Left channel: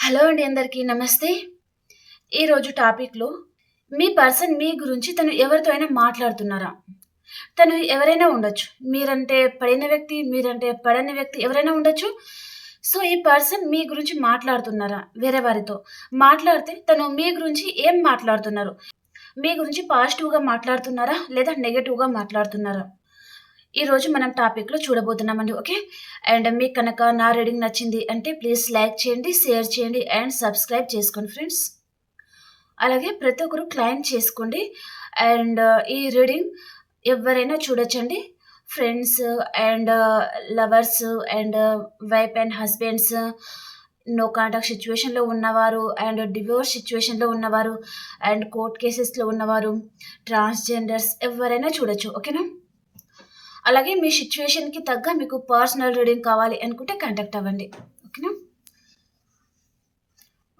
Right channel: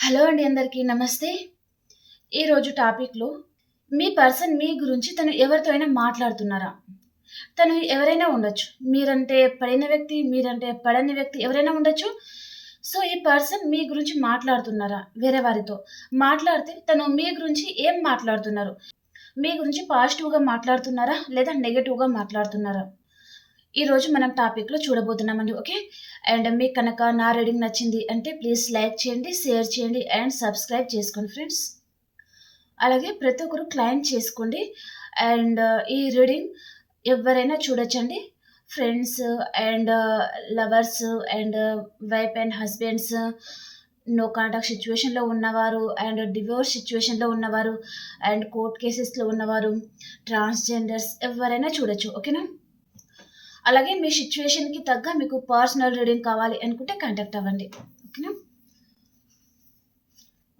Hello అండి అందరికీ నమస్తే. ఈరోజు టాపిక్లో మీ పర్సన్ మీ గురించి తను ఎవరితో అయినా మాట్లాడుతున్నారా? తను ఎవరైనా ఉండొచ్చు. మీరంటే పడిన వ్యక్తి మీరంటే పడని వ్యక్తి ఎవరైనా ఉండొచ్చు. సో ఈ పర్సన్ మీ గురించి మాట్లాడుతున్నారా? వేరే వారితో మాట్లాడితే తను మీ గురించి ఏం మాట్లాడుతున్నారు? మీ గురించి పాజిటివ్గా మాట్లాడుతున్నారా? లేదా నెగటివ్గా మాట్లాడుతున్నారా? ఈరోజు మనం టాపిక్లో చూడబోతున్నామండి ఓకే? అండ్ మీకు కనుక నా రీడింగ్ నచ్చింది అంటే ప్లీజ్ లైక్ చేయండి షేర్ చేయండి అండ్ సబ్స్క్రైబ్ చేసుకోండి ఫ్రెండ్స్. అలాగే ప్రతి ఒక్కరు క్లైమ్ చేసుకోండి అండ్ ఈ రీడింగ్ ఎవరైనా చూడొచ్చండి. Friends and lovers and wife and husbands no contact సిచ్యువేషన్లో ఉన్నవారు అండ్ డివోర్స్ సిచ్యువేషన్లో ఉన్నవారు అండ్ కోర్ట్ కేసెస్లో ఉన్నవారు ట్రాన్స్జెండర్స్ ఎవరైనా చూడొచ్చు ఓకేనా? అలాగే మీ సిచ్యువేషన్కి తగ్గ మీకు పర్సనల్ రీడింగ్ కావాలి అనుకుంటే కాంటాక్ట్ అవ్వండి. ఓకేనా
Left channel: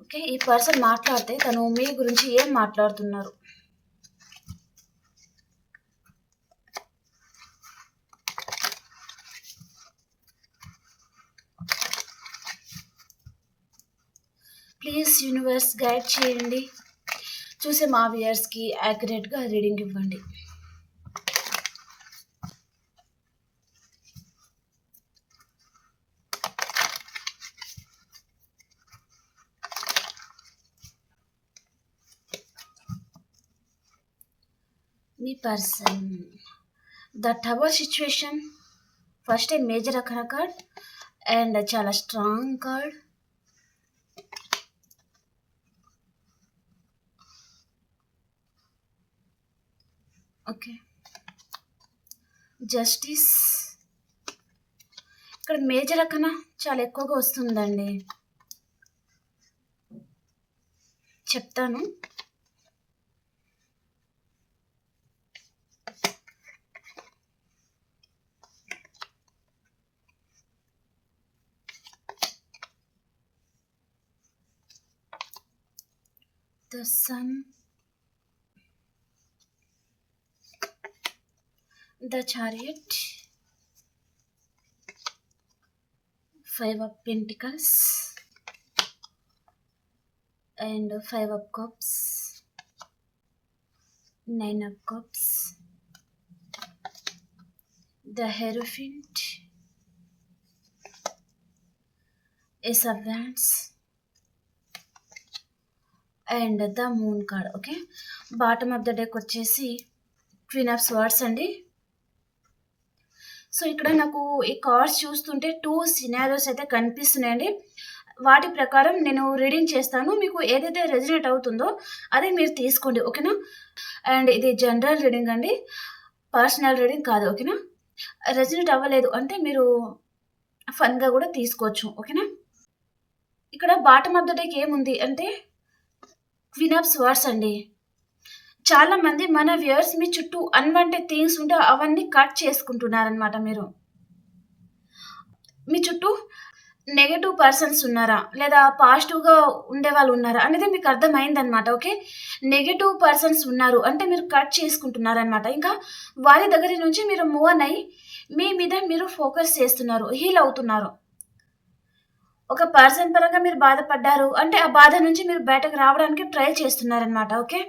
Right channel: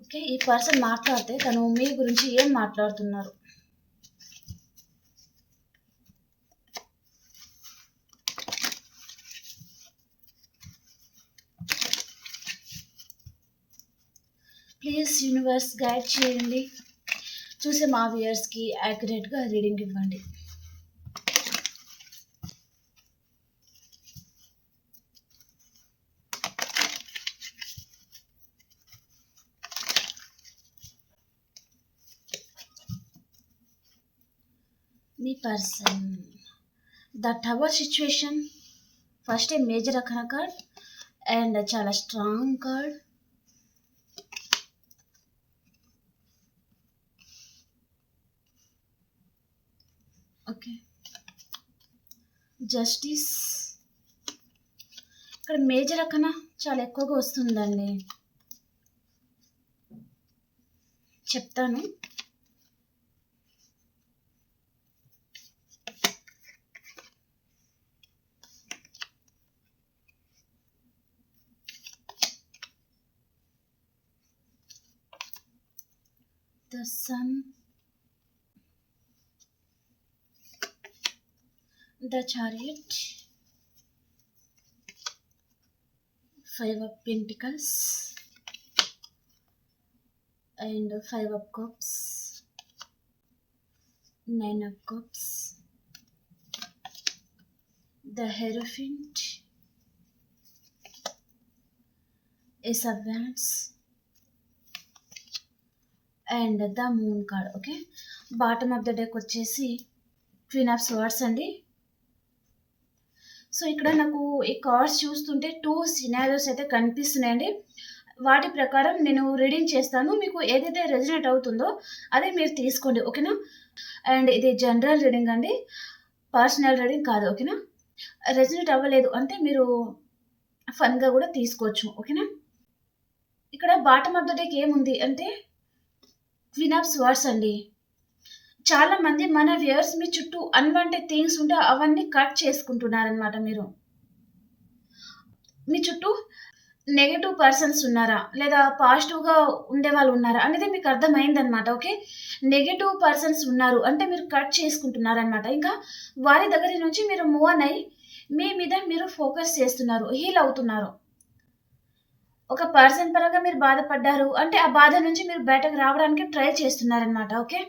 ఓకే ఈ పర్సన్ మాట్లాడితే తను మీ గురించి ఏం మాట్లాడుతున్నారు? ప్లీజ్ యూనివర్స్ గైడ్ చేయండి. చూసే మా వ్యూయర్స్కి యాక్యురేట్గా రీడింగ్ ఇవ్వండి. మీ person. The tower situation first a major అక్కడ కార్డ్ అండ్ చాలా స్ట్రాంగ్ కార్డ్ ఓకే జస్టిస్ ఇక్కడ మేజర్ అక్కన చాలా ఎక్కువగా వస్తుందండి. చెప్తాను. The sun, the chariot, five of pentacles, and five of cups, nine of cups, the hierophant, ace of wands, and the moon card okay? Bottom of the deck వచ్చేసి queen of swords అండి. So ఇక్కడ నాకు ఈ cards చూస్తుంటే two scenarios అయితే కనిపిస్తున్నాయండి. వాటి ప్రకారం నేను రీడింగ్ చేస్తాను. మీకు ఏదైతే రెజినేట్ అవుతుందో అదే మీరు తీసుకోండి ఓకేనా? అండ్ ఇది జనరల్ రీడింగ్ అండి. పర్సనల్ రీడింగ్ కాదు ఓకేనా? రెజినేట్ అవ్వలేదు అంటే మీరు ఫన్గా కూడా తీసుకోవచ్చు ఓకేనా? ఇక్కడ బాటమ్ ఆఫ్ ద డెక్ ఏముంది అంటే క్వీన్ ఆఫ్ స్వర్డ్స్ అండి. చాలామంది మన వ్యూయర్స్ మీ చుట్టూ అన్వాంటెడ్ థింగ్స్ ఉంటే అవన్నీ కట్ చేసుకుంటున్నారనమాట మీరు. మీ చుట్టూ నెగటివ్ పర్సన్స్ ఉన్నారా? లేదా పాజిటివ్గా ఉండే వాళ్ళు ఉన్నారా? అనేది మీకు అర్థమైందనమాట ఓకే నెగటివ్ పర్సన్స్ ఉన్నారు అంటే మీరు కట్ చేసుకుంటున్నారనమాట ఇంకా వారి దగ్గర నుంచి మీరు మూవ్ అన్ అయ్యి మీ మీద మీరు ఫోకస్ చేస్తున్నారు హీల్ అవుతున్నారు. ఒక పర్సన్ పరంగా మీరు బాధపడ్డారు అంటే ఆ బాధ నుంచి మీరు బయటకు రావడానికి ట్రై చేస్తున్నారనమాట ఓకే?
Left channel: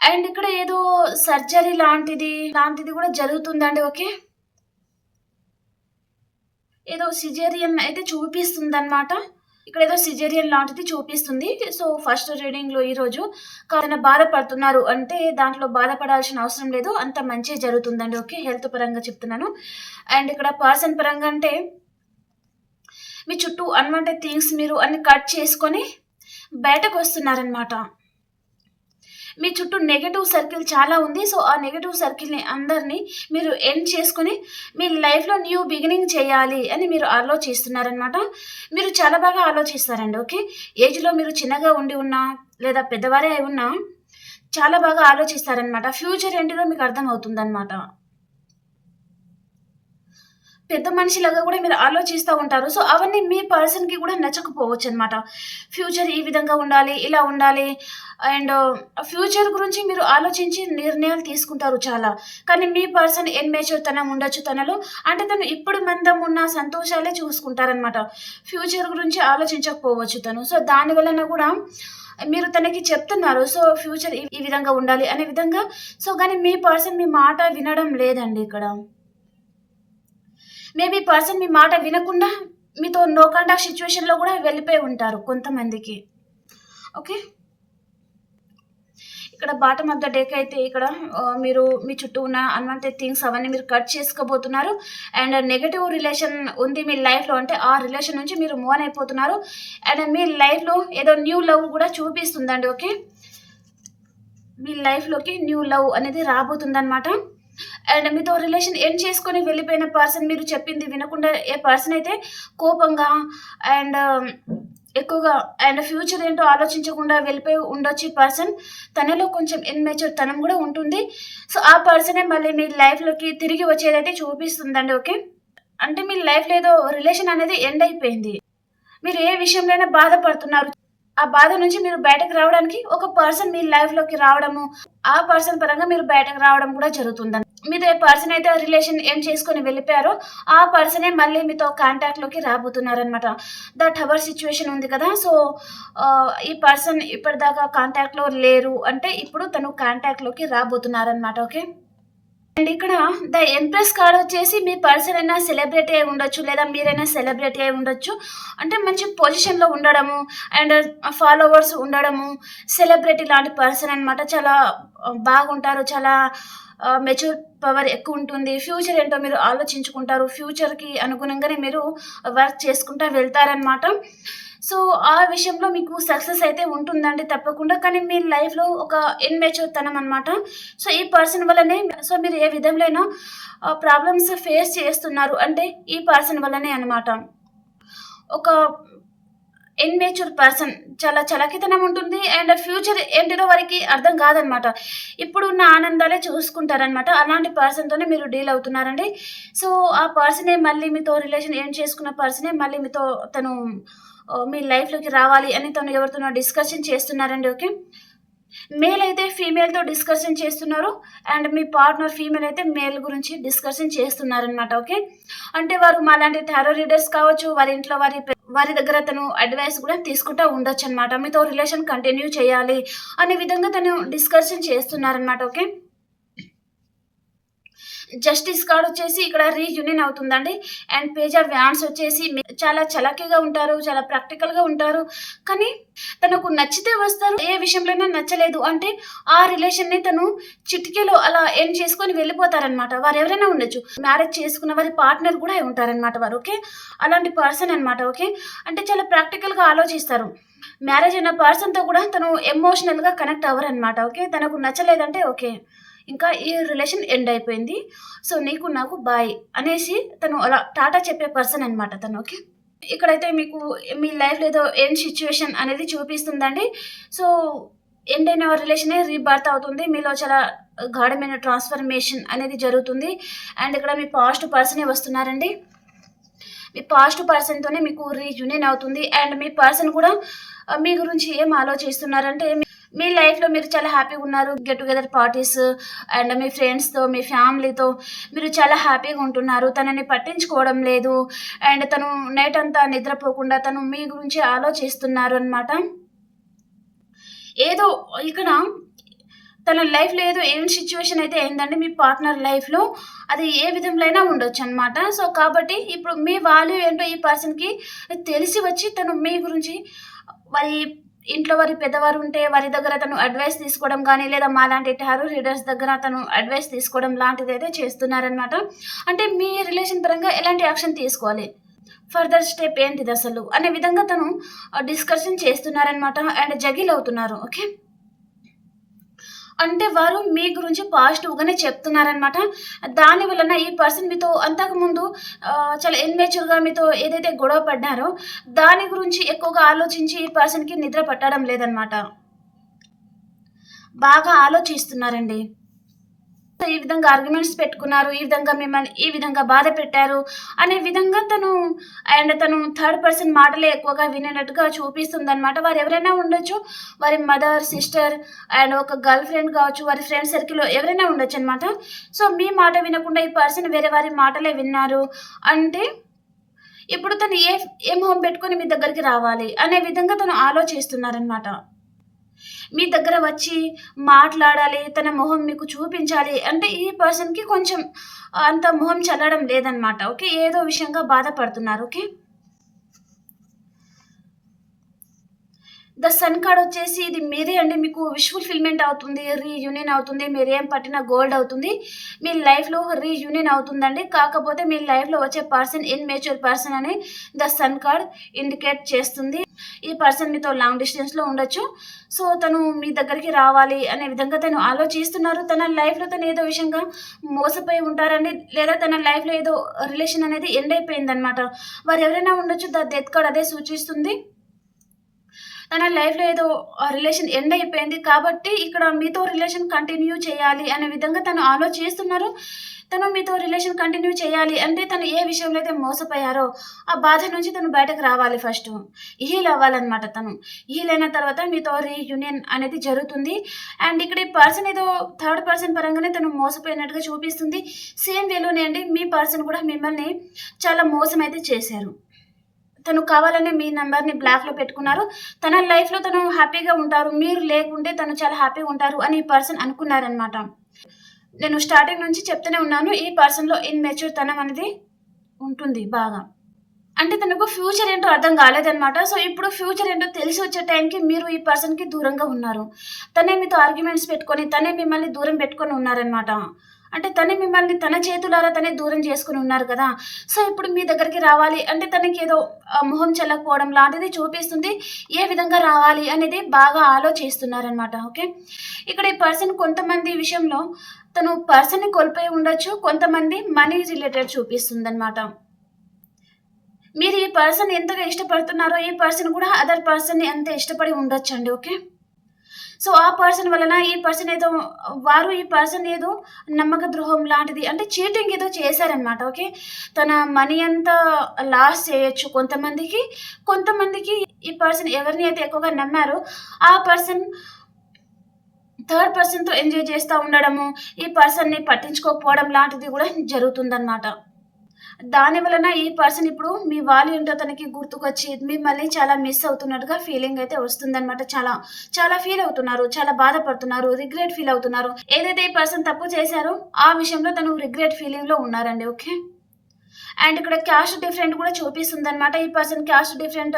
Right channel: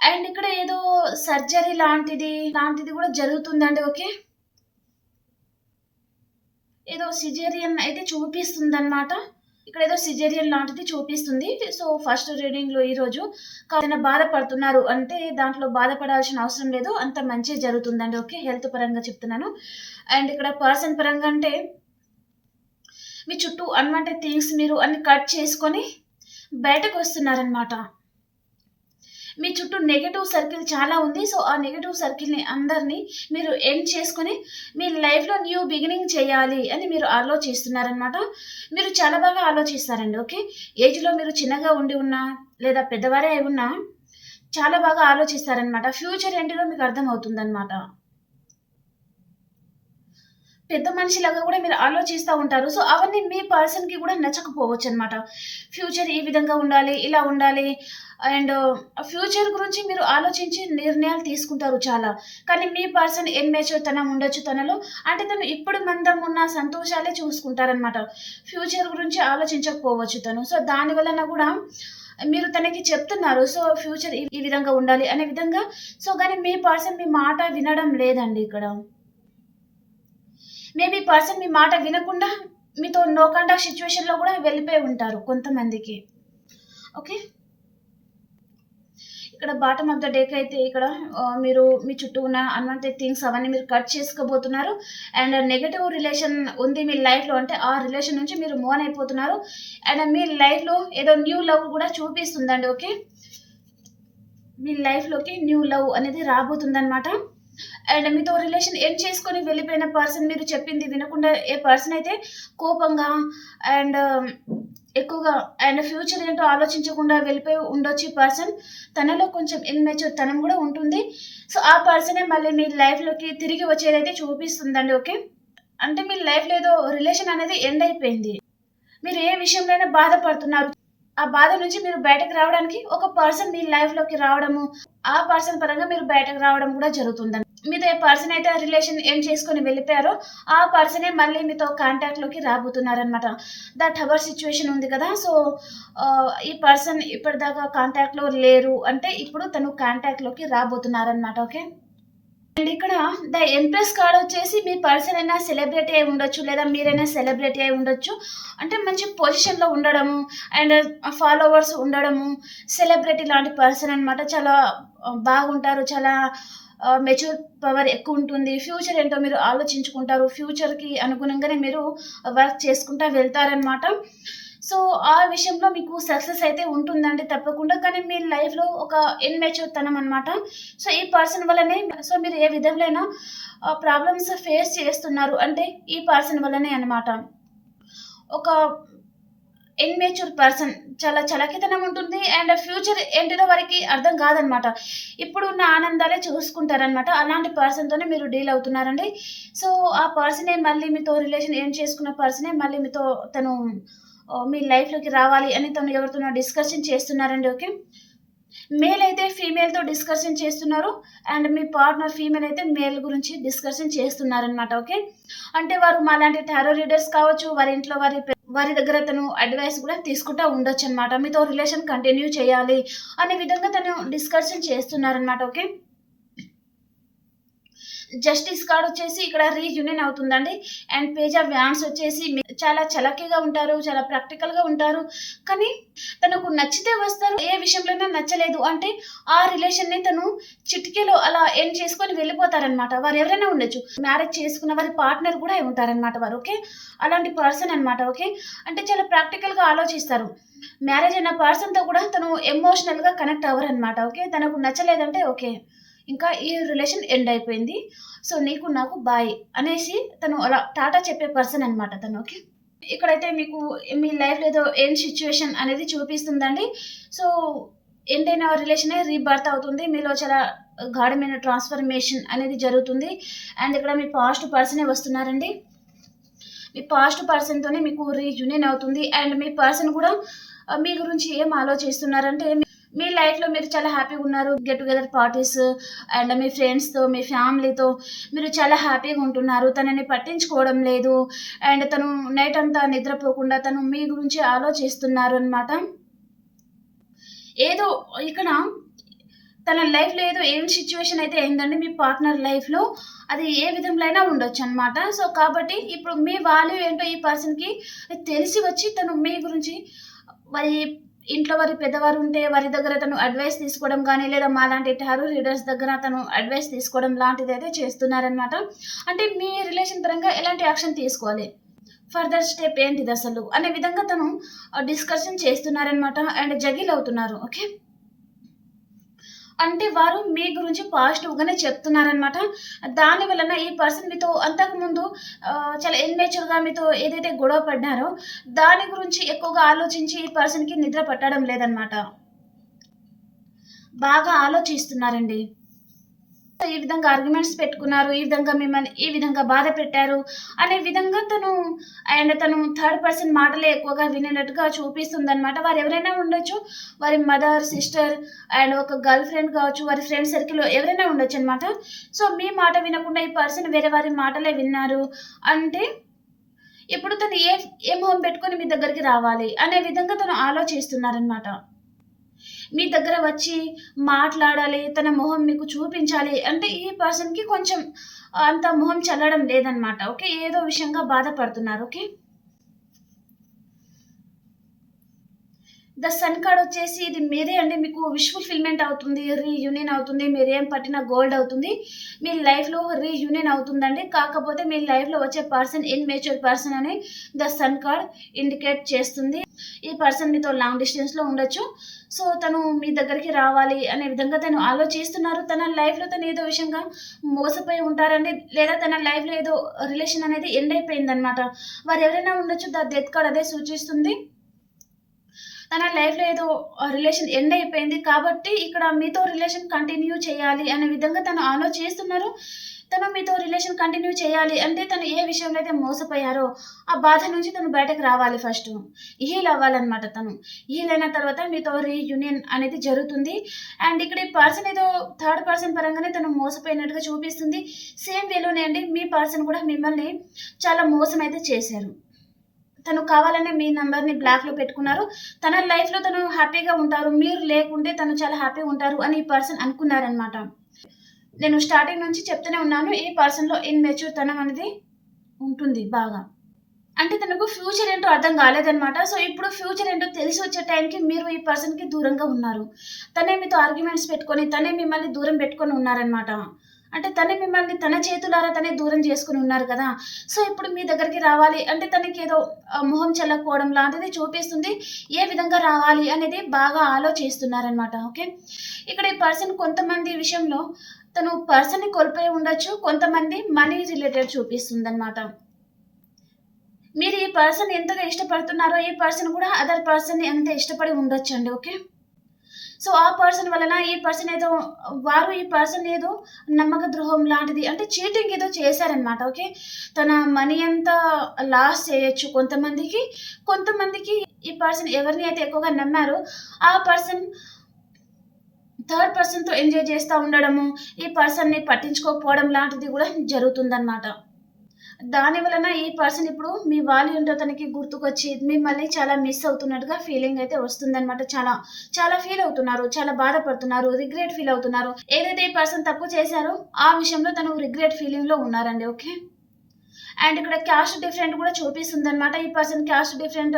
అండ్ ఇక్కడ ఏదో సర్జరీ లాంటిది లాంటిది కూడా జరుగుతుందండి ఓకే? ఏదో సిజేరియన్ అయితే చూపిస్తుంది అనమాట ఇక్కడ ఏదో సిజేరియన్ లాంటిది చూపిస్తుంది. సో ఫస్ట్ రీడింగ్లో ఈరోజు కాదైనా బాధపడుతున్నారు అంటే దాంట్లో బాధపడాల్సిన అవసరం లేదు అంత మంచి జరుగుతుందండి ఓకే? హెల్త్ పరంగా చెప్తున్నాను. అండ్ ఇక్కడ పర్సన్ పరంగా అంటే మీ చుట్టూ అన్వాంటెడ్ థింగ్స్ మీరు అన్ని కట్ చేసుకొని బయటకు వస్తున్నారనమాట మీ చుట్టూ నెగటివ్ సర్కిల్ చాలా ఉంది. సో ఆ నెగటివ్ సర్కిల్ని అందరినీ మీరు ఎండ్ చేసుకొని మీ లైఫ్లో న్యూ బిగినింగ్ చేయాలి అని మీరు ఆలోచిస్తున్నారనమాట మీరు చాలా బాగా ఆలోచిస్తారండి ఓకే? ఏజ్లో మీరు చిన్నగా ఉండి ఉన్నా లేదా పెద్దవారే అయి ఉన్నా చాలా బాగా ఆలోచిస్తారనమాట ఫ్యూచర్ ఏంటిదో మీకు అర్థమవుతుందనమాట పెద్ద మనిషిలాగా కూడా మీరు ఆలోచిస్తూ ఉంటారు. సో, అవన్నీ మీ పర్సన్‌కి కూడా నచ్చకపోవచ్చు అనమాట ఫ్యూచర్ ఈ విధంగా ఉండాలి, ఇలా ఉండాలి అండ్ ఫ్యూచర్ గురించి మీరు ఆలోచించి నిర్ణయాలు తీసుకుంటారు చాలా. కానీ మీ పర్సన్ ఇమ్మెచ్యూర్‌తనం ఉండొచ్చు తనలో. అంటే తను ఇప్పుడు మందం ఉన్న సంతోషాలే చూసుకుంటారనమాట. ఫ్యూచర్ గురించి ఆలోచించకపోవచ్చు తను. సో, దాని వలన కూడా మీరు తనకి చెప్తున్నారు. సో, ఫ్యూచర్ ఈ విధంగా ఉండాలి అనే విధంగా. సో, కానీ మీ పర్సన్ మీ మాట వినడం లేదండి ఇక్కడ. మేబీ పర్సన్ మీ మాట వినకుండా మీతో నో కాంటాక్ట్ సిచ్యువేషన్లో కూడా వెళ్ళిపోయి ఉంటారు కొంతమందికి. ఓకే. ఇక్కడ బాటమ్ ఆఫ్ ద డేక్ అయితే ఇక్కడ మీరు మీ చుట్టూ ఉన్న అన్‌వాంటెడ్ థింగ్స్ అవన్నీ మీరు కట్ చేసుకోబోతున్నారు. అండ్ నెగటివ్ రిలేషన్ ఉంది మీ లైఫ్‌లో అంటే ఆ రిలేషన్ నుంచి మీరు మూవ్ అయిపోతున్నారు. అండ్ మీ లైఫ్‌లో ఏదో న్యూ లవ్ కూడా చూపిస్తుందండి. ఓకే. మీ లైఫ్‌లోకి న్యూ లవ్ అనేది రాబోతుందనమాట. అండ్ మీతో రిలేషన్ ఎండ్ చేసుకొని వెళ్ళిపోయిన పర్సన్ మీరు చెప్పింది వినకుండా ఏ పర్సన్ అయితే కోపంగా అండ్ um, ఎక్కువగా అండ్ ఫ్యూచర్ ఏంటో ఆలోచించకుండా వెళ్ళిపోయి ఉండొచ్చు ఈ పర్సన్. తనలో కొంచెం ఇన్మెచ్యూర్ తనం కూడా ఉంటుంది. సో, ఆ పర్సనే మళ్ళీ మీ లైఫ్‌లోకి తిరిగి వచ్చేదైతే చూపిస్తుందండి. ఓకే. అంటే మీ లైఫ్‌లో ఏదో రిలేషన్ అనేది ఎండ్ అయిపోయింది. మీరు ఏ విషయంలో అయినా బాధపడుతున్నారు. ఆ బాధ నుంచి మీరు బయటకు రావడానికి ఒక పర్సన్ మీ లైఫ్‌లోకి రావడము, ఆ పర్సన్ పరంగా మీరు బయటకు రావడం కూడా జరుగుతుందని మీతో ఏ పర్సన్ అయితే రిలేషన్ ఏం చేసుకొని వెళ్ళిపోయారో ఆ పర్సనే మళ్ళీ మీతో కాంటాక్ట్‌లోకి రాబోతున్నారనమాట. ద టవర్ సిచ్యువేషన్ ఉంది కదా! సో, ఈ పర్సన్ ఇప్పటిదాకా కాంటాక్ట్‌లో లేరు అంటే ఇప్పుడు తను కాంటాక్ట్‌లోకి రాబోతున్నారనమాట. ఓకే. అండ్ ఇక్కడ ద ఎంప్రెస్ కార్డ్ వచ్చేసి మీ పర్సన్ అయినా సెలబ్రిటీ అయి ఉండొచ్చు. లేదా మీరైనా సెలబ్రిటీ అయి ఉండొచ్చు. అంటే మంచి పొజిషన్‌లో ఉండడము అండ్ ఫాలోవర్స్ uh, ఉండడము. సెలబ్రిటీ లాంటి పర్సన్ అనమాట. చాలా uh, బాగుంటారు. చాలా uh, మెచ్యూర్ పవర్ ఎక్కువ ఉంటుంది ఫ్యూచర్ ఏంటో మీరు ఆలోచించుకుంటారు. ఫ్యూచర్‌కి అనుగుణంగానే మీరు వర్క్ చేసుకుంటా వెళ్తారనమాట. సో, ఆ విషయంలో మీకు సక్సెస్ అయితే ఉంటుందండి తప్పకుండా. కానీ మీ లైఫ్‌లో ఒక ఇన్మెచ్యూర్ తనం అనమాట. సో, ఈ పర్సన్ వల్లనే సో, మీరు ఏ విధంలోనైనా ప్రాబ్లమ్స్ ఫేస్ చేస్తున్నారు అంటే ఈ పర్సన్ వల్లనే అనమాట. ఒక ఇమ్మెచ్యూర్ పర్సన్ చాలా చలకితనం ఉంటుంది. అండ్ ఫ్యూచర్ ఏంటిదో వారికి అర్థం కాదనమాట. ఇప్పుడున్న ఆనందాలే చూసుకుంటారనమాట. అలాంటి పర్సన్‌తోనే మీరు డీల్ అవుతున్నారండి. సో, ఆ పర్సనే మళ్ళీ మీతో రిలేషన్ ఏం చేసుకున్న పర్సనే మళ్ళీ మీతో తను మీ లైఫ్‌లోకి రావాలి అని తను ఎవరితోనో డిస్కషన్ చేస్తున్నారండి. ఓకే. మేల్ అయితే ఫీమేల్‌తో డిస్కషన్ చేస్తున్నారు. అండ్ మీ పార్ట్నర్ ఫీమేల్ అయితే మేల్ గురించి డిస్కషన్ చేస్తున్నారనమాట. ఓకే. అంటే వారు మాలాంటి టారో రీడర్స్ కావచ్చు. వారి ఇంట్లో వారి వారి దగ్గర తను అడ్వైస్ కూడా తీసుకుంటా ఉండొచ్చనమాట. మీతో రిలేషన్ కంటిన్యూ చేయాలి అనే విధంగా తను డిస్కషన్ చేస్తున్నారనమాట. ఓకే. జస్టిస్ కార్డ్ వచ్చేసి ఇక్కడ రీయూనియన్ అవుతుందండి. అండ్ పేజ్ ఆఫ్ వచ్చేసి చాలా చలాకీగా ఉంటారు. చాలా ప్రాక్టికల్‌గా ఉంటారు. కానీ తనకు నచ్చితే వస్తారు. ఏ విషయంలోనే నచ్చలేదు అంటే ఆ రిలేషన్‌ని తను చిటికెలో అలా ఏం చేసుకొని వెళ్ళిపోతారనమాట. వారు ఎవరైనా ఉండొచ్చు. మ్యారేజ్ చేసుకున్న వారి పార్ట్నర్ కూడా ఉంటారనమాట వారు. ఓకే. అలాంటి పర్సన్ అనమాట. ఓకే. అంటే చాలా ప్రాక్టికల్‌గా ఆలోచిస్తారు. మ్యారేజ్ అయిన పర్సన్‌తో కూడా తను ఎమోషనల్‌గా కనెక్ట్ అవ్వరు అనమాట ఓకే. తనకు నచ్చలేదంటే ఓకే. ఇంకా ఈ రిలేషన్ ఎండ్ అయిపోయింది. సో, నీకు నాకు బాయ్ అనేసి తను అలా టాటా చెప్పే పర్సన్ అనమాట తను. ఓకే. ఇక్కడైతే మీకు మీ లైఫ్‌లో ఏదో ఎండ్ సిచ్యువేషన్ అనేది చూపిస్తుందండి. సో, ఎండ్ అయిన రిలేషనే రీబర్త్ అవుతుంది. మీలో చాలా గాఢమైన ట్రాన్స్‌ఫర్మేషన్ అనేది జరుగుతుంది. అండ్ ఇక్కడ మీ పాస్ట్ పర్సనే వస్తున్నారండి. మీ పాస్ట్ పర్సన్‌తోనే మీకు రీయూనియన్ అవుతుంది. అండ్ మీ పర్సన్ కూడా మీ గురించి ఏం ఆలోచిస్తున్నారంటే మీ లైఫ్‌లో మీరు చాలా హ్యాపీగా ఉన్నారు. గెట్ టుగెదర్ పార్టీస్ అండ్ మీ ఫ్రెండ్స్‌తో, మీ ఫ్యామిలీతో మీరు చాలా హ్యాపీగా ఉంటున్నారు. తనని పట్టించుకోవడం లేదు. అండ్ తను నైట్ అంతా నిద్రపోకుండా తను మీ గురించి ఆలోచిస్తున్నారు అనమాట. ఏదో ఇక్కడ తన లైఫ్‌లో ఏదో ఏం సిచ్యువేషన్ అయితే అయిందండి మీ పార్ట్నర్ లైఫ్‌లో. అది ఏ విధంలో అయినా ఉండొచ్చనమాట. సో, కాబట్టి ఇప్పుడు మీ వాల్యూ ఏంటో ఈ పర్సన్‌కి తెలిసి వచ్చి తను మీ గురించి వారి ఇంట్లో వారి పెద్దవారు ఉంటే వారి దగ్గర తను అడ్వైస్ తీసుకోవడం కానీ లేదా మాలాంటి టారో రీడర్స్ దగ్గర తను అడ్వైస్ తీసుకోవడం లాంటిదైతే చేస్తున్నారనమాట. అంటే మీ రిలేషన్ పరంగా ఎలాంటి యాక్షన్ తీసుకోవాలి? ఫర్దర్ స్టెప్ ఏంటిది అసలు అనే విధంగా తను డిస్కషన్ చేస్తున్నారనమాట. అండ్ జగిల్ అవుతున్నారు. ఓకే. అంటే వారు మీ గురించి పాజిటివ్‌గానే చెప్తున్నారనమాట. దాని వలన ఈ పర్సన్ మీతో అంతకుముందు చాలా ఇమ్మెచ్యూర్‌గా మీతో ఏదైతే గొడవ పడ్డారో దాని గురించి ఎక్కువగా ఆలోచించి ఈ పర్సన్‌కి నిద్ర పట్టడం లేదనమాట. బాగా ఆలోచిస్తున్నారండి. ఈ విధంగా ఆర్గ్యుమెంట్స్ పెట్టుకున్నారు ఈ విధంగా మిమ్మల్ని ఈ విధంగా బాధ పెట్టారు అనే విధంగా తను అండ్ తను థర్డ్ పర్సన్ మాటలే ఎక్కువగా వినేటట్టుగా చూపిస్తుంది అనమాట వారు ఎవరైనా ఉండొచ్చు వారి మదర్ సిస్టర్ అండ్ ఒక గర్ల్ ఫ్రెండ్ కావచ్చు వారి ఫ్రెండ్ సర్కిల్లో ఎవరైనా ఉండొచ్చు అనమాట సో మీ మాట వినకుండా ఈ పర్సన్ వేరే వారి మాటలే విన్నారు అంటే ఇప్పుడు తను ఏ ఏ మొహం పెట్టుకొని మీ దగ్గరికి రావాలి అనే విధంగా తను ఆలోచిస్తున్నారనమాట మీ దగ్గర వచ్చి మాట్లాడాలి తన మొహం మీకు చూపించాలి అంటే ఈ పర్సన్కి కొంచెం అంత మొహం చల్లడం లేదనమాట ఓకే? ఏదో విషయంగా బాధపడుతున్నారు. ఓకే? ద సన్ కార్డ్ వచ్చేసి ఇది మీదే అండి మీకు విష్ ఫుల్ఫిల్మెంట్ అవుతుంది రీయూనియన్ అవుతుంది మీరు ఏం పట్టిన గోల్డ్ అవుతుంది. మీ లైఫ్లో రీయూనియన్ అవుతుందండి కాకపోతే మీ లైఫ్లో వచ్చే పర్సన్ ఇన్ మేచ్యూర్ పర్సన్ అని ద సన్ కార్డ్ ఇండికేట్ చేస్తుంది. ఈ పర్సన్ మీతో లాంగ్ డిస్టెన్స్లో ఉండొచ్చు. సో తను మీ దగ్గరికి రావాలి అనే విధంగా తను ఆలోచిస్తున్నారు. తన లైఫ్లో తను ఏదో విషయంగా మోసపోయి ఉంటారండి లేదా తన లైఫ్లో ఏదో రిలేషన్ అనేది ఎండ్ అయిపోయిందనమాట వారు ఎవరైనా ఉండొచ్చు ద డెత్ కార్డ్ అదే సూచిస్తుంది. తన లైఫ్లో ఏదో రిలేషన్ ఎండ్ అయిపోయింది కాబట్టి ఇక్కడ మీతో రిలేషన్ కంటిన్యూ చేయాలి అనే విధంగా తను ఆలోచిస్తున్నారు తను మీతో రిలేషన్ కంటిన్యూ చేయాలి అంటే తను ఏ విషయంలో అయితే మోసపోయారో ఆ బాధ నుంచి తను బయటకు రావాలి ఫస్ట్. హీల్ అవ్వాలన్నమాట తను. హీల్ అయిన తర్వాత మీతో రీయూనియన్ అనేది జరుగుతుంది. అండ్ ఇక్కడ ఈ పర్సన్ ఏదో థర్డ్ పర్సన్ పరంగానే తను మోసపోయినట్టుగా చూపిస్తుంది. సేమ్ వేలోనే అండి మీ పర్సన్ కూడా మిమ్మల్ని చాలా మోసం అయితే చేశారు. తను కావాలని మీ నెంబర్ని బ్లాక్లో పెట్టుకున్నారు. తన లైఫ్లో తను హ్యాపీగా ఉంటారు. మీరు లేకుంటే తను చాలా హ్యాపీగా ఉంటారు అని ఈ పర్సన్ అనుకున్నారనమాట నేను స్టార్టింగ్ నుంచి చెప్తూనే ఉన్నాను ఈ పర్సన్లో ఇన్మెచ్యూర్ తనం అనేది ఉంటుంది బాగా. అంటే తనకు ఫ్యూచర్ ఏంటో అర్థం కాలేదనమాట సో ఇప్పుడు ఫ్యూచర్ ఏంటో తెలిసి వచ్చే టైంకి మీరు ఈ పర్సన్కి దూరంగా ఉన్నారు. తనే మీతో ఆర్గ్యుమెంట్స్ పెట్టుకొని తనే మిమ్మల్ని దూరం పెట్టుకొని ఉన్నారనమాట అంటే తనే మిమ్మల్ని తన చేతులారా తనే దూరం చేసుకుని ఉన్నారు కదా. సో ఇప్పుడు మీ దగ్గరికి రావాలి అంటే తనకి ఏదో మొహం చెల్లకపోవడం లాంటిది చూపిస్తుంది ఏ విధంగా రావాలి అనేది బాగా ఆలోచిస్తున్నారనమాట ఓకే? ఇక్కడ ఈ పర్సన్ కొంతమంది విషయంలో తను పర్సన్ని కోల్పోయి ఉండొచ్చు కొంతమంది మనీ రిలేటెడ్ చూపిస్తుంది అనమాట మీరు ఈ పర్సన్ ఎంతగా ఇష్టపడుతున్నారో ఈ పర్సన్ కూడా అదర్ పర్సన్ని ఎంత ఇష్టపడి ఉండొచ్చు అండి ఓకే? సో ఆ పర్సన్ వలన ఈ పర్సన్ ఏదో వారు ఈ పర్సన్ ఏదో నమ్మక ద్రోహం లాంటిది అంటే చీటింగ్ ఏదో చేశారనమాట ఓకే తన మనీ అంతా లాస్ చేయొచ్చు. కొంతమందికి కొంతమందికి ఈ పర్సన్ ఎవరిని అయితే ఎక్కువగా నమ్మారో ఆ పర్సన్ థర్డ్ పర్సన్తో ఎంజాయ్ చేస్తూ ఉండడము ఈ పర్సన్ని పట్టించుకోకపోవడం లాంటిది కూడా జరుగుతుందన్నమాట. దాని వలన ఈ పర్సన్ ఇప్పుడు మీ వాల్యూ ఏంటో తనకి గుర్తుకొచ్చి మిమ్మల్ని చాలా మిస్ అవుతున్నట్టుగా ఫీలింగ్ అయితే వస్తుందన్నమాట. చాలా చాలా ఫీల్ అవుతున్నారు చాలా బాధపడుతున్నారు రిగ్రెట్ ఫీల్ అవుతున్నారు. ఏదైతే ఈ పర్సన్ తప్పు చేశారో ఆ విషయంలో తను రిగ్రెట్ ఫీలింగ్లో ఉన్నారండి ఓకే? అండ్ ఇక్కడ క్యాస్ట్ డిఫరెంట్ కూడా చూపిస్తుంది అనమాట ఈ person caste different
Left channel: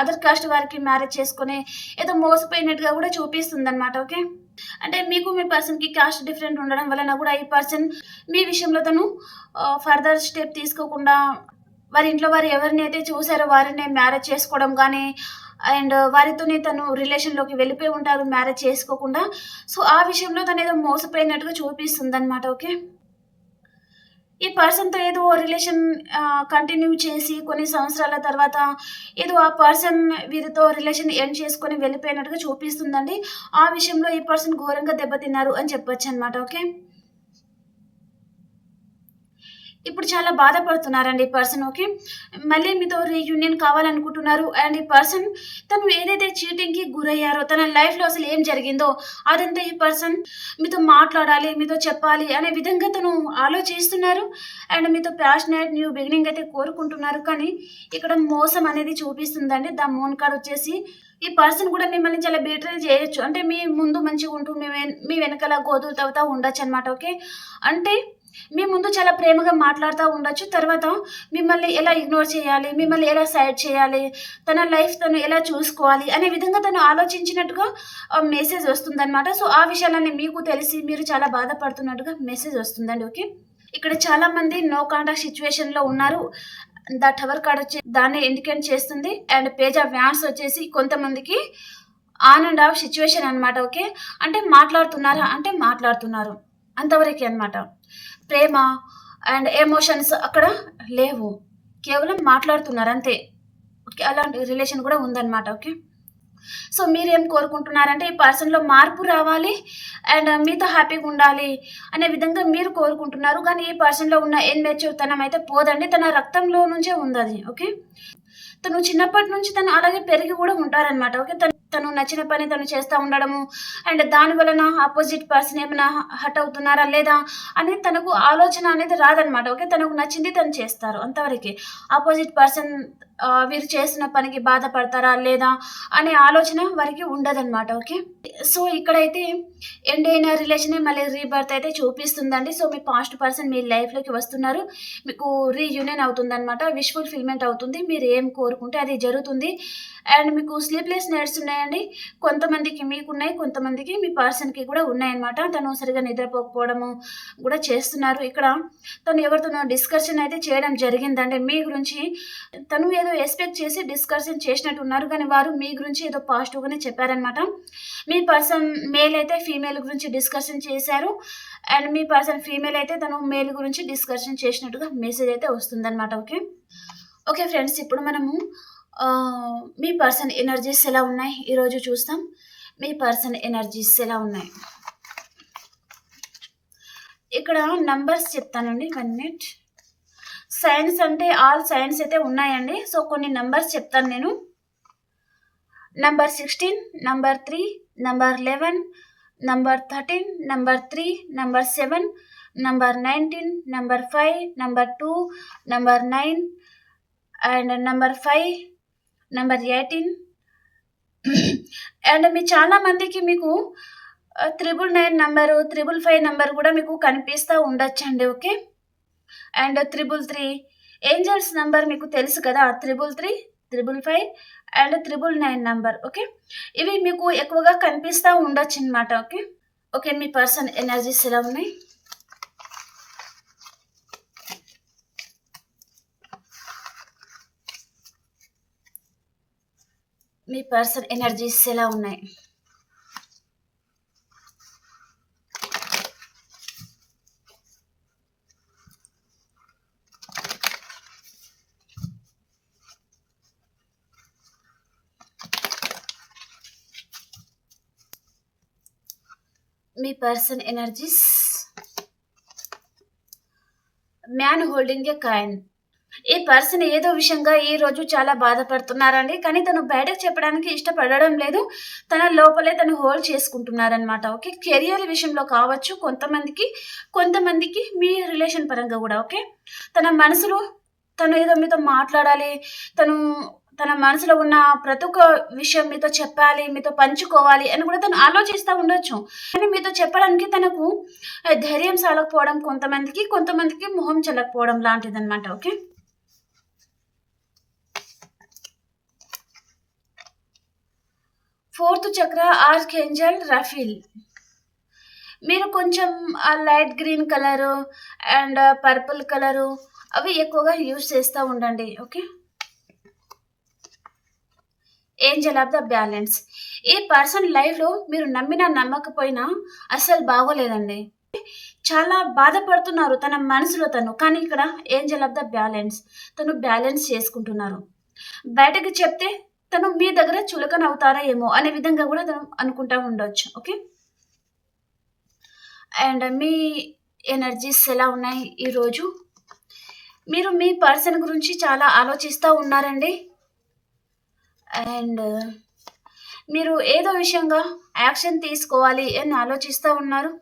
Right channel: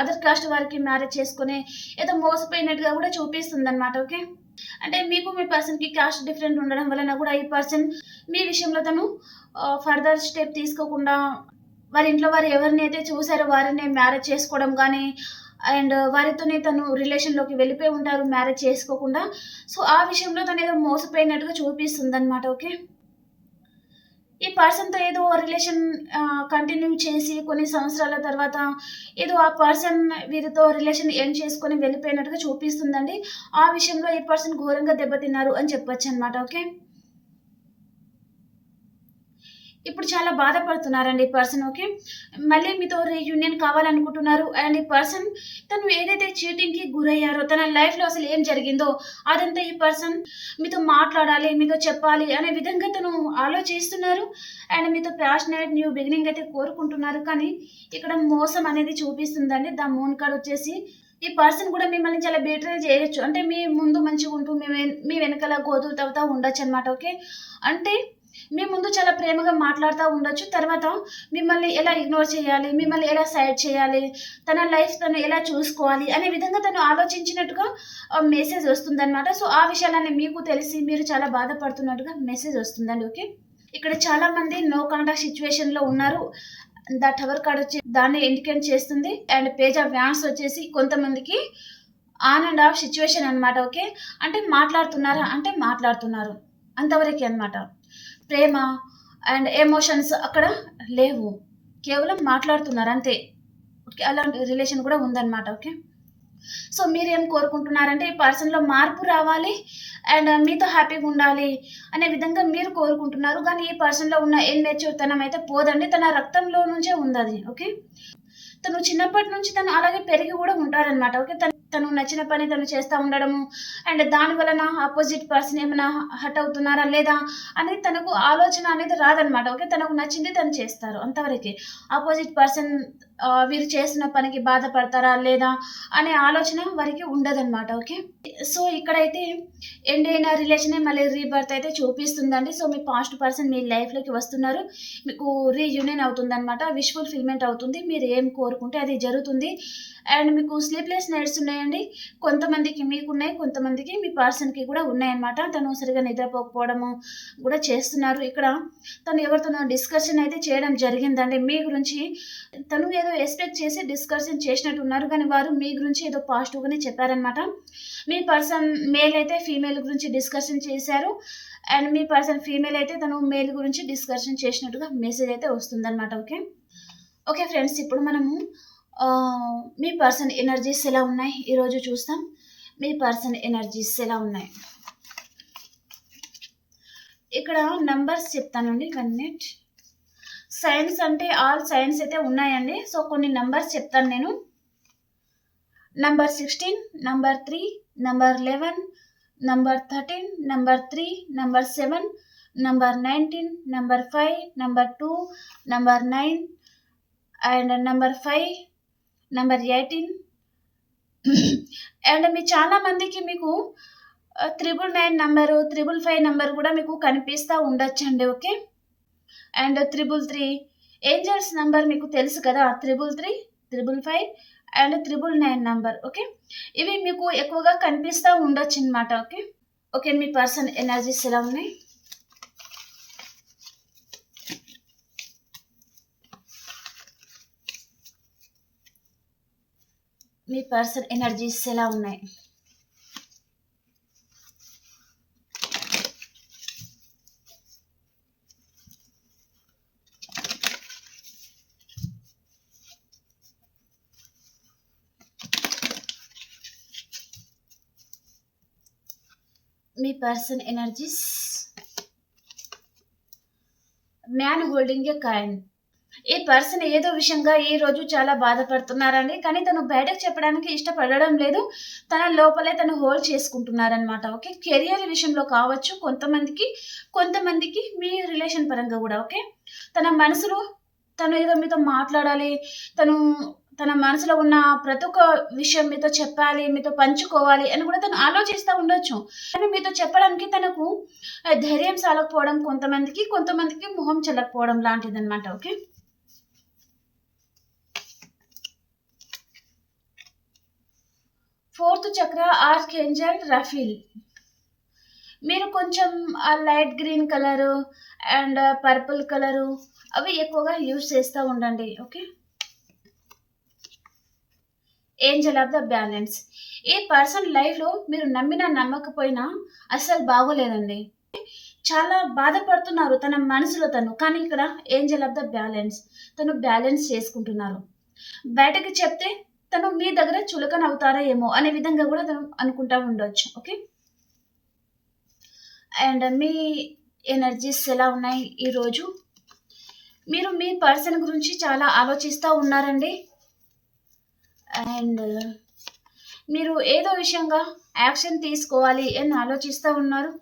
other caste వారికి మ్యారేజ్ చేసుకుని ఏదో మోసపోయినట్టుగా కూడా చూపిస్తుంది అనమాట ఓకే? అంటే మీకు మీ పర్సన్కి క్యాస్ట్ డిఫరెంట్ ఉండడం వలన కూడా ఈ పర్సన్ మీ విషయంలో తను ఫర్దర్ స్టెప్ తీసుకోకుండా వారి ఇంట్లో వారు ఎవరిని అయితే చూసారో వారిని మ్యారేజ్ చేసుకోవడం కానీ అండ్ వారితోనే తను రిలేషన్లోకి వెళ్ళిపోయి ఉంటారు మ్యారేజ్ చేసుకోకుండా. సో ఆ విషయంలో తను ఏదో మోసపోయినట్టుగా చూపిస్తుంది అనమాట ఓకే? ఈ పర్సన్తో ఏదో రిలేషన్ కంటిన్యూ చేసి కొన్ని సంవత్సరాల తర్వాత ఏదో ఆ పర్సన్ వీరితో రిలేషన్ ఎండ్ చేసుకొని వెళ్ళిపోయినట్టుగా చూపిస్తుందండి. ఆ విషయంలో ఈ పర్సన్ ఘోరంగా దెబ్బతిన్నారు అని చెప్పొచ్చు అనమాట ఓకే? ఇప్పుడు చాలా బాధపడుతున్నారండి ఈ పర్సన్ ఓకే మళ్ళీ మీతో రీయూనియన్ కావాలనుకుంటున్నారు. అండ్ ఈ పర్సన్ తను ఏదైతే చీటింగ్కి గురయ్యారో తన లైఫ్లో అసలు ఏం జరిగిందో అదంతా ఈ పర్సన్ మీతో మాట్లాడాలి మీతో చెప్పాలి అనే విధంగా తను ఆలోచిస్తున్నారు. అండ్ మీతో ప్యాషనేట్ న్యూ బిగినింగ్ అయితే కోరుకుంటున్నారు. కానీ ఇక్కడ మోసం అనేది చూపిస్తుందండి. ద మూన్ కార్డ్ వచ్చేసి ఈ పర్సన్ కూడా మిమ్మల్ని చాలా బెటర్ చేయొచ్చు. అంటే మీ ముందు మంచిగా ఉంటూ మీ మీ వెనకాల గోధులు తవ్వుతా ఉండొచ్చు అనమాట ఓకే అంటే మీ ముందు చాలా ప్రేమగా మాట్లాడుతూ ఉండొచ్చు. తర్వాత మిమ్మల్ని ఎలా ఇగ్నోర్ చేయాలి మిమ్మల్ని ఎలా సైడ్ చేయాలి తన లైఫ్ తను ఎలా చూసుకోవాలి అనే విధంగా తను ఆలోచించినట్టుగా మెసేజ్ వస్తుందన్నమాట. సో ఆ విషయాలన్నీ మీకు తెలిసి మీరు చాలా బాధపడుతున్నట్టుగా మెసేజ్ వస్తుందండి ఓకే? ఇక్కడ చాలా మంది నో కాంటాక్ట్ సిచ్యువేషన్లో ఉన్నారు. ద టవర్ కార్డ్ వచ్చి దాన్ని ఇండికేట్ చేస్తుంది. అండ్ పేజ్ ఆఫ్ వ్యాన్స్ వచ్చేసి కొంతమందికి ఆన్ అండ్ ఆఫ్ సిచ్యువేషన్ అనమాట ఓకే? అంటే మాట్లాడుతున్నారా? అంటే మాట్లాడుతున్నారు. అంతవరకే అనమాట ప్రేమ అండ్ ఎమోషన్స్ అక్కడ లేవు. కేవలం మాట్లాడుతున్నారు అంతే. ఓకే అలాంటి రిలేషన్ కూడా ఉందన్నమాట ఓకే? సో మీరేం కోరుకుంటున్నారంటే ఈ పర్సన్లో మార్పు రావాలి అండ్ మీతో హ్యాపీగా ఉండాలి అనే విధంగా మీరు కోరుకుంటున్నారు. కానీ ఈ పర్సన్లో ఉన్న ఎన్మెచ్యూర్తనం అయితే పోదండి. తన రక్తంలో నుంచే ఉంది అది ఓకే? తను చిన్నప్పటి నుంచి తను అలాగే పెరిగి కూడా ఉంటారనమాట ఓకే? తను తను నచ్చిన పని తను చేస్తూ ఉండడము. అండ్ దాని వలన ఆపోజిట్ పర్సన్ ఏమైనా హట్ అవుతున్నారా లేదా అనేది తనకు ఆలోచన అనేది రాదనమాట ఓకే? తనకు నచ్చింది తను చేస్తారు అంతవరకే. ఆపోజిట్ పర్సన్ వీరు చేసిన పనికి బాధపడతారా లేదా అనే ఆలోచన వారికి ఉండదన్నమాట ఓకే? సో ఇక్కడైతే ఎండ్ అయిన రిలేషన్ మళ్ళీ రీబర్త్ అయితే చూపిస్తుందండి. సో మీ పాస్ట్ పర్సన్ మీ లైఫ్లోకి వస్తున్నారు. మీకు రీయూనియన్ అవుతుంది అనమాట విష్ అవుతుంది మీరు ఏం కోరుకుంటే అది జరుగుతుంది. అండ్ మీకు స్లీప్లెస్ నైట్స్ ఉన్నాయండి. కొంతమందికి మీకు ఉన్నాయి కొంతమందికి మీ పర్సన్కి కూడా ఉన్నాయన్నమాట. తను సరిగా నిద్రపోకపోవడము కూడా చేస్తున్నారు. ఇక్కడ తను ఎవరితోనో డిస్కషన్ అయితే చేయడం జరిగిందండి. మీ గురించి తను ఏదో ఎక్స్పెక్ట్ చేసి డిస్కషన్ చేసినట్టు ఉన్నారు కానీ వారు మీ గురించి ఏదో పాజిటివ్గానే చెప్పారనమాట మీ పర్సన్ మేల్ అయితే ఫీమేల్ గురించి డిస్కషన్ చేశారు. అండ్ మీ పర్సన్ ఫీమేల్ అయితే తను మేల్ గురించి డిస్కషన్ చేసినట్టుగా మెసేజ్ అయితే వస్తుందన్నమాట. ఓకే? ఓకే ఫ్రెండ్స్ ఇప్పుడు మనము మీ పర్సన్ ఎనర్జీస్ ఎలా ఉన్నాయి? ఈరోజు చూస్తాం. మీ పర్సన్ ఎనర్జీస్ ఎలా ఉన్నాయి? ఇక్కడ నంబర్స్ చెప్తానండి. One minute. సైన్స్ అంటే ఆల్ సైన్స్ అయితే ఉన్నాయండి. సో కొన్ని నంబర్స్ చెప్తాను నేను. Number sixteen number three number eleven number thirteen number three number seven number nineteen number five number two number nine and number five number eighteen. And మీ చాలా మందికి మీకు triple nine number triple five number కూడా మీకు కనిపిస్తూ ఉండొచ్చండి okay? And triple three. Angels number మీకు తెలుసు కదా? Triple three triple five and triple nine number okay? ఇవి మీకు ఎక్కువగా కనిపిస్తూ ఉండొచ్చు అనమాట ఓకే? ఓకే మీ పర్సన్ ఎనర్జీస్ ఎలా ఉన్నాయి? మీ పర్సన్ ఎనర్జీస్ ఎలా ఉన్నాయి? మీ person energies. Man holding a coin. ఈ పర్సన్ ఏదో విషయంగా ఈ రోజు చాలా బాధపడుతున్నారండి. కానీ తను బయటకు చెప్పడానికి ఇష్టపడడం లేదు. తన లోపలే తను హోల్డ్ చేసుకుంటున్నారనమాట ఓకే? కెరియర్ విషయంలో కావచ్చు కొంతమందికి కొంతమందికి మీ రిలేషన్ పరంగా కూడా ఓకే? తన మనసులో తను ఏదో మీతో మాట్లాడాలి తను తన మనసులో ఉన్న ప్రతి ఒక్క విషయం మీతో చెప్పాలి మీతో పంచుకోవాలి అని కూడా తను ఆలోచిస్తూ ఉండొచ్చు. కానీ మీతో చెప్పడానికి తనకు ధైర్యం సాలకపోవడం కొంతమందికి కొంతమందికి మొహం చెల్లకపోవడం లాంటిది అనమాట okay? Fourth chakra archangel Raphael. మీరు కొంచెం ఆ light green colour and purple colour అవి ఎక్కువగా యూజ్ చేస్తూ ఉండండి okay? Angel of the balance ఈ పర్సన్ లైఫ్లో మీరు నమ్మినా నమ్మకపోయినా అస్సలు బాగోలేదండి. చాలా బాధపడుతున్నారు తన మనసులో తను. కానీ ఇక్కడ ఏంజల్ ఆఫ్ ద బ్యాలెన్స్ తను బ్యాలెన్స్ చేసుకుంటున్నారు. బయటకు చెప్తే తను మీ దగ్గర చులకన అవుతారా ఏమో అనే విధంగా కూడా తను అనుకుంటా ఉండొచ్చు. ఓకే? అండ్ మీ ఎనర్జీస్ ఎలా ఉన్నాయి ఈరోజు? మీరు మీ పర్సన్ గురించి చాలా ఆలోచిస్తూ ఉన్నారండి. అండ్ మీరు ఏదో విషయంగా యాక్షన్ తీసుకోవాలి అని ఆలోచిస్తూ ఉన్నారు.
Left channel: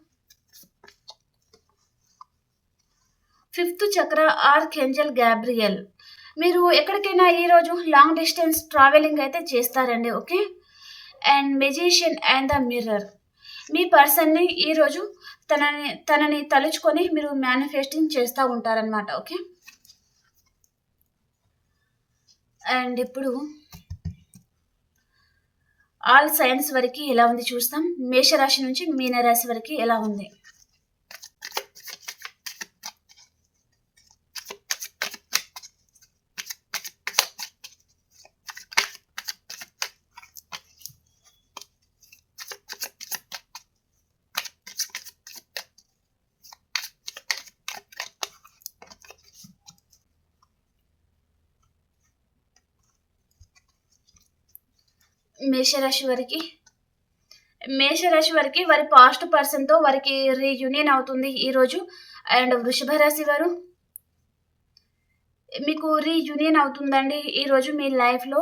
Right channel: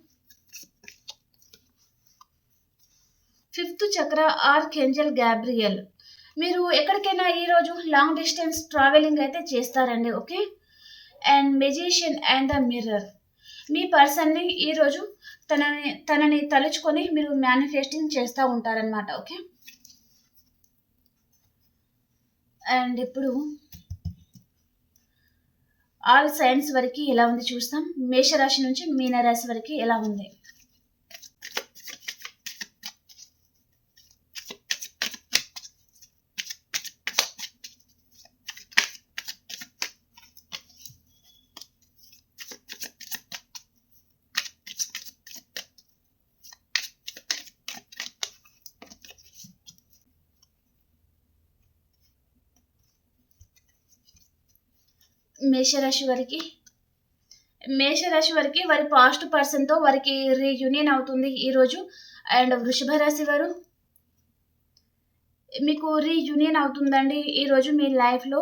ఫిఫ్త్ చక్ర ఆర్కెంజల్ గ్యాబ్రియల్ మీరు ఎక్కడికైనా ఈరోజు లాంగ్ డిస్టెన్స్ ట్రావెలింగ్ అయితే చేస్తారండి okay? And magician and the mirror. మీ పర్సన్ని ఈరోజు తనని తనని తలుచుకొని మీరు మేనిఫెస్టింగ్ చేస్తూ ఉంటారనమాట ఓకే? అండ్ ఇప్పుడు ఆల్ సైన్స్ వరకు ఎలా ఉంది చూస్తాం. మేషరాశి నుంచి మీనరాశి వరకు ఎలా ఉంది? మేషరాశి వారికి మేషరాశి వారికి వారి పాస్ట్ పర్సన్తో వారికి రీయూనియన్ అవుతుంది ఈరోజు. అండ్ వృషభ రాశి వారు మీకు రీయూనియన్ అవుతుందండి ఈరోజు మీ లైఫ్లో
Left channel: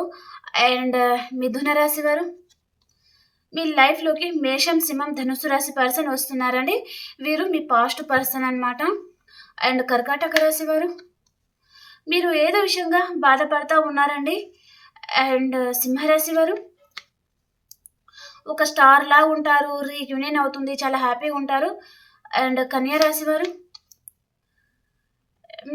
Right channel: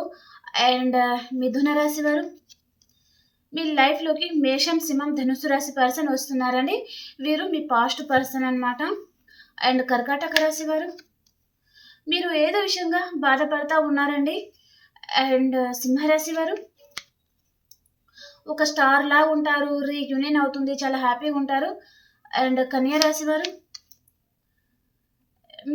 అండ్ మిథున రాశి వారు మీ లైఫ్లోకి మేషం సింహం ధనుసు రాశి పర్సన్ వస్తున్నారండి. వీరు మీ పాస్ట్ పర్సన్ అనమాట అండ్ కర్కాటక రాశి వారు మీరు ఏదో విషయంగా బాధపడతా ఉన్నారండి. అండ్ సింహరాశి వారు ఒక స్టార్ లా ఉంటారు రీయూనియన్ అవుతుంది చాలా హ్యాపీగా ఉంటారు. అండ్ కన్యా రాశి వారు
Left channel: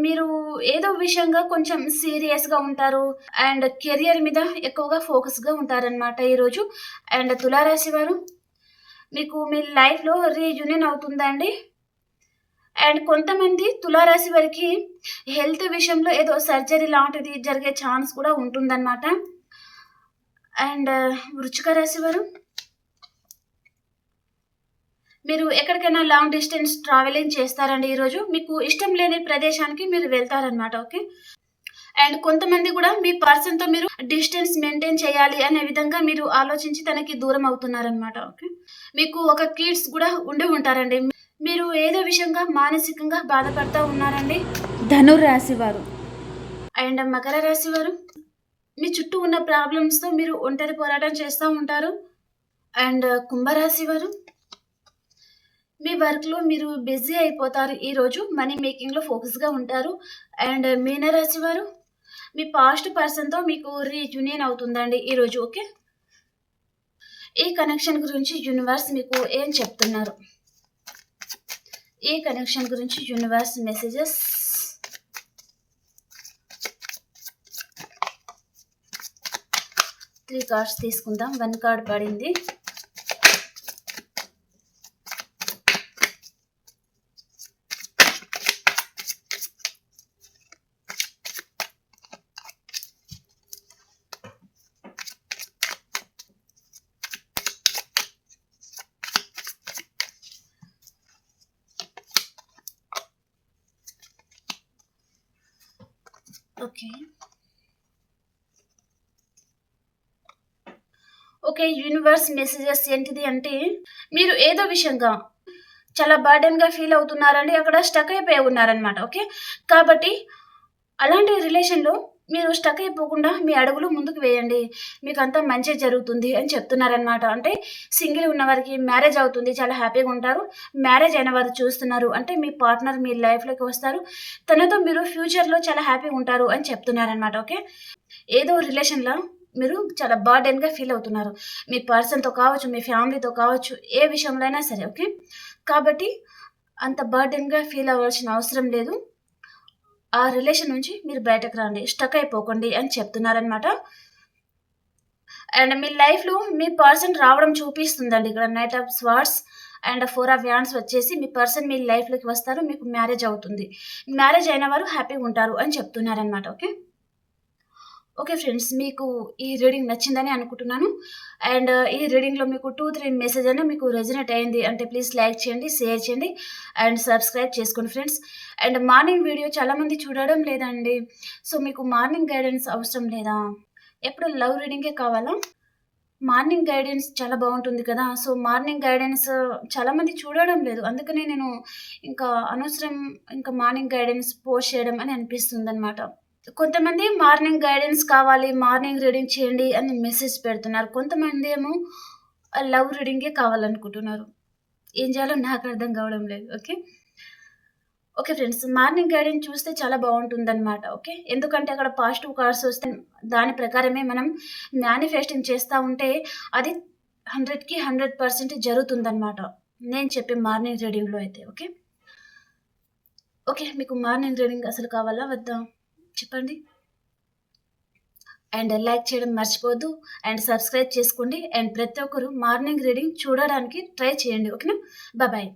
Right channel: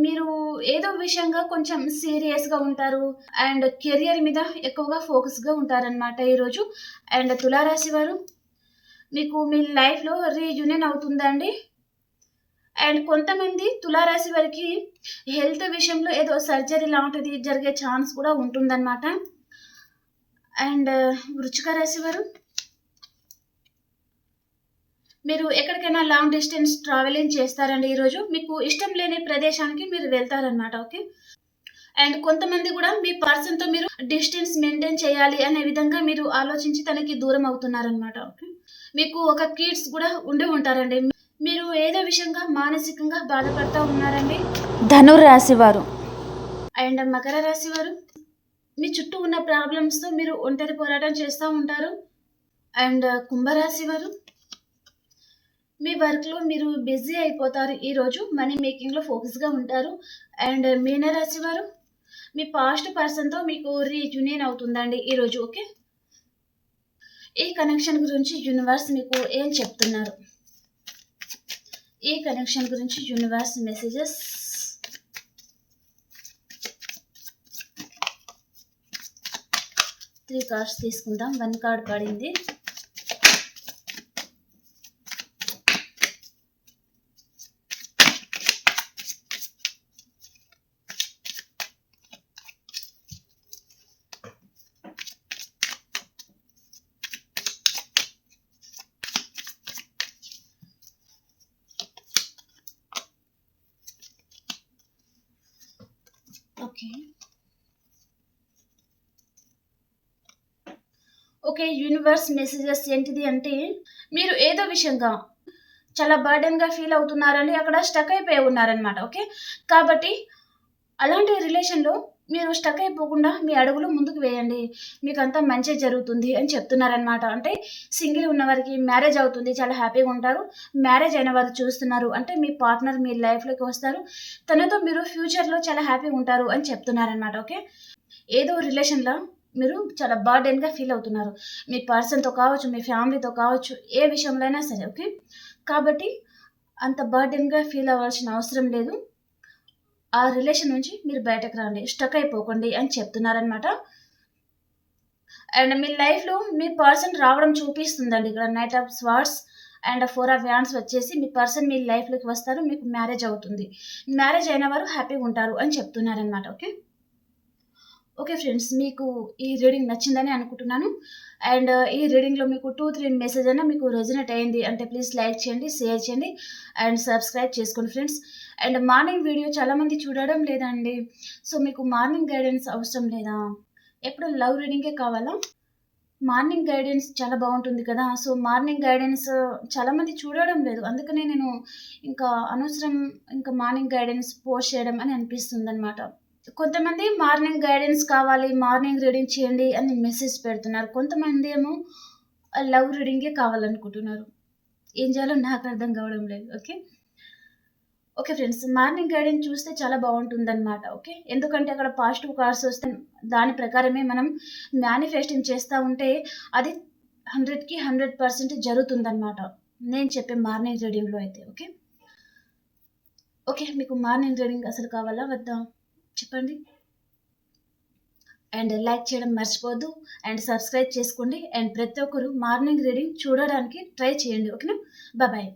మీరు ఏదో విషయంగా కొంచెం సీరియస్గా ఉంటారు. అండ్ కెరియర్ మీద ఎక్కువగా ఫోకస్గా ఉంటారనమాట ఈరోజు. అండ్ తులారాశి వారు మీకు మీ లైఫ్లో రీయూనియన్ అవుతుందండి అండ్ కొంతమంది తులారాశి వారికి హెల్త్ విషయంలో ఏదో సర్జరీ లాంటిది జరిగే ఛాన్స్ కూడా ఉంటుందన్నమాట. అండ్ వృచ్చిక రాశి వారు మీరు ఎక్కడికైనా లాంగ్ డిస్టెన్స్ ట్రావెలింగ్ చేస్తారండి ఈరోజు మీకు ఇష్టం లేని ప్రదేశానికి మీరు వెళ్తారనమాట ఓకే? అండ్ కొంతమంది కూడా మీ పర్సన్తో మీరు డిస్టెన్స్ మెయింటైన్ చేయాలి అనే విధంగా మీరు ఆలోచించి తనకి దూరం అవుతున్నారనమాట ఓకే? మీకు ఒక కిడ్స్ కూడా ఉండి ఉంటారండి. మీరు ఏదో విషయంగా మానసికంగా బాధపడతా ఉన్నారండి? ధనుర్రాశి వారు అండ్ మకర రాశి వారు మీ చుట్టూ ఉన్న ప్రాబ్లమ్స్తో మీరు ఒంటరి పోరాటం చేస్తూ ఉంటారు. అండ్ కుంభరాశి వారు మీ వర్క్లో మీరు బిజీ అయిపోతారు. ఈరోజు మనీ మేకింగ్లో ఫోకస్గా ఉంటారు. అండ్ మీనరాశి వారు మీ పాస్ట్ పర్సన్తో మీకు రీయూనియన్ అవుతుందండి ఈరోజు ఓకే? ఈ కనెక్షన్ గురించి యూనివర్స్ మీకు ఏం చెప్తున్నారు? ఈ కనెక్షన్ గురించి యూనివర్స్ మెసేజెస్ త్రీ కార్డ్స్ తీసుకుందాం. వన్ కార్డ్ పడింది. ఓకే ఓకే యూనివర్స్ మెసేజెస్ ఏంటిది అంటే మీరు ఏదో విషయంగా చాలా బర్డెన్గా ఫీల్ అవుతున్నారండి అక్కడ స్టక్ అయిపోయి ఉన్నారనమాట ఓకే కాబట్టి అలాంటి రిలేషన్లో మీరు స్టక్ అయిపోకుండా మీ అడుగులు ముందుకు వేయండి. మీకు అంతా మంచి జరుగుతుంది అని చెప్తున్నారనమాట అంటే సింగిల్ ఉన్న వారికి మ్యారేజ్ అవుతుంది చాలా హ్యాపీగా ఉంటారు. మ్యారేజ్ అయిన వారు చూస్తున్నారు. అంటే మీ పార్ట్నర్ మీ లైఫ్లోకి వస్తారు. తనతో మీరు ఫ్యూచర్లో చాలా హ్యాపీగా ఉంటారు అని చెప్తున్నారనమాట ఓకే? ఏదో రిలేషన్లో మీరు చాలా బర్డెన్గా ఫీల్ అవుతున్నారు. మీ పర్సన్తో కావచ్చు మీ ఫ్యామిలీతో కావచ్చు ఏ విషయంలో అయినా సరే ఓకే? కాబట్టి అంత బర్డెన్గా ఫీల్ అవ్వాల్సిన అవసరం లేదు. ఆ రిలేషన్ నుంచి మీరు బయటకు రండి స్టక్ అయిపోకండి అని చెప్తున్నారనమాట అండ్ మీ లైఫ్లో మీ పర్సన్ రావడం చూపిస్తుందండి. ఇక్కడ knight of swords and four of wands వచ్చేసి మీ పర్సన్ మీ లైఫ్లోకి వస్తారు మీకు మ్యారేజ్ అవుతుంది. మ్యారేజ్ అయిన వారు హ్యాపీగా ఉంటారు అని చెప్తున్నారనమాట ఓకే? ఓకే ఫ్రెండ్స్ మీకు ఈ రీడింగ్ నచ్చిందని అనుకుంటున్నాను. అండ్ ఈ రీడింగ్లో మీకు టూ త్రీ మెసేజ్ అయినా మీకు రెజినేట్ అయింది అంటే ప్లీజ్ లైక్ చేయండి షేర్ చేయండి అండ్ సబ్స్క్రైబ్ చేసుకోండి ఫ్రెండ్స్. అండ్ మార్నింగ్ వీడియో చాలామంది చూడడం లేదండి. సో మీకు మార్నింగ్ గైడెన్స్ అవసరం లేదా? ఎప్పుడు లవ్ రీడింగే కావాలా? మార్నింగ్ గైడెన్స్ చాలా బాగుంటుంది కదా. సో మార్నింగ్ గైడెన్స్ చాలామంది చూడడం లేదు. అందుకనే నేను ఇంకా అనవసరం ఇంకా మార్నింగ్ గైడెన్స్ పోస్ట్ చేయడం అని అనిపిస్తుంది అనమాట కొంతమంది మార్నింగ్ గైడెన్స్ కావాలి మార్నింగ్ రీడింగ్ చేయండి అని మెసేజ్ పెడుతున్నారు. కొంతమంది ఏమో లవ్ రీడింగే కావాలనుకుంటున్నారు. ఏం చేయాలో నాకు అర్థం కావడం లేదు. Okay? Okay friends morning guidance చూస్తే చాలా బాగుంటుందన్నమాట ఓకే? ఎందుకంటే అక్కడ పాజిటివ్ కార్డ్స్ వస్తే దాని ప్రకారమే మనం మేనిఫెస్టింగ్ చేస్తూ ఉంటే అది హండ్రెడ్కి హండ్రెడ్ పర్సెంట్ జరుగుతుందన్నమాట. నేను చెప్పే మార్నింగ్ రీడింగ్లో అయితే ఓకే? ఓకే మీకు మార్నింగ్ రీడింగ్ అసలు కావాలా? వద్దా? చెప్పండి. అండ్ లైక్ చేయడం మర్చిపోద్దు అండ్ సబ్స్క్రైబ్ చేసుకోండి. అండ్ ప్రతి ఒక్కరు మార్నింగ్ రీడింగ్ చూడడానికి ట్రై చేయండి ఓకేనా? బాయ్.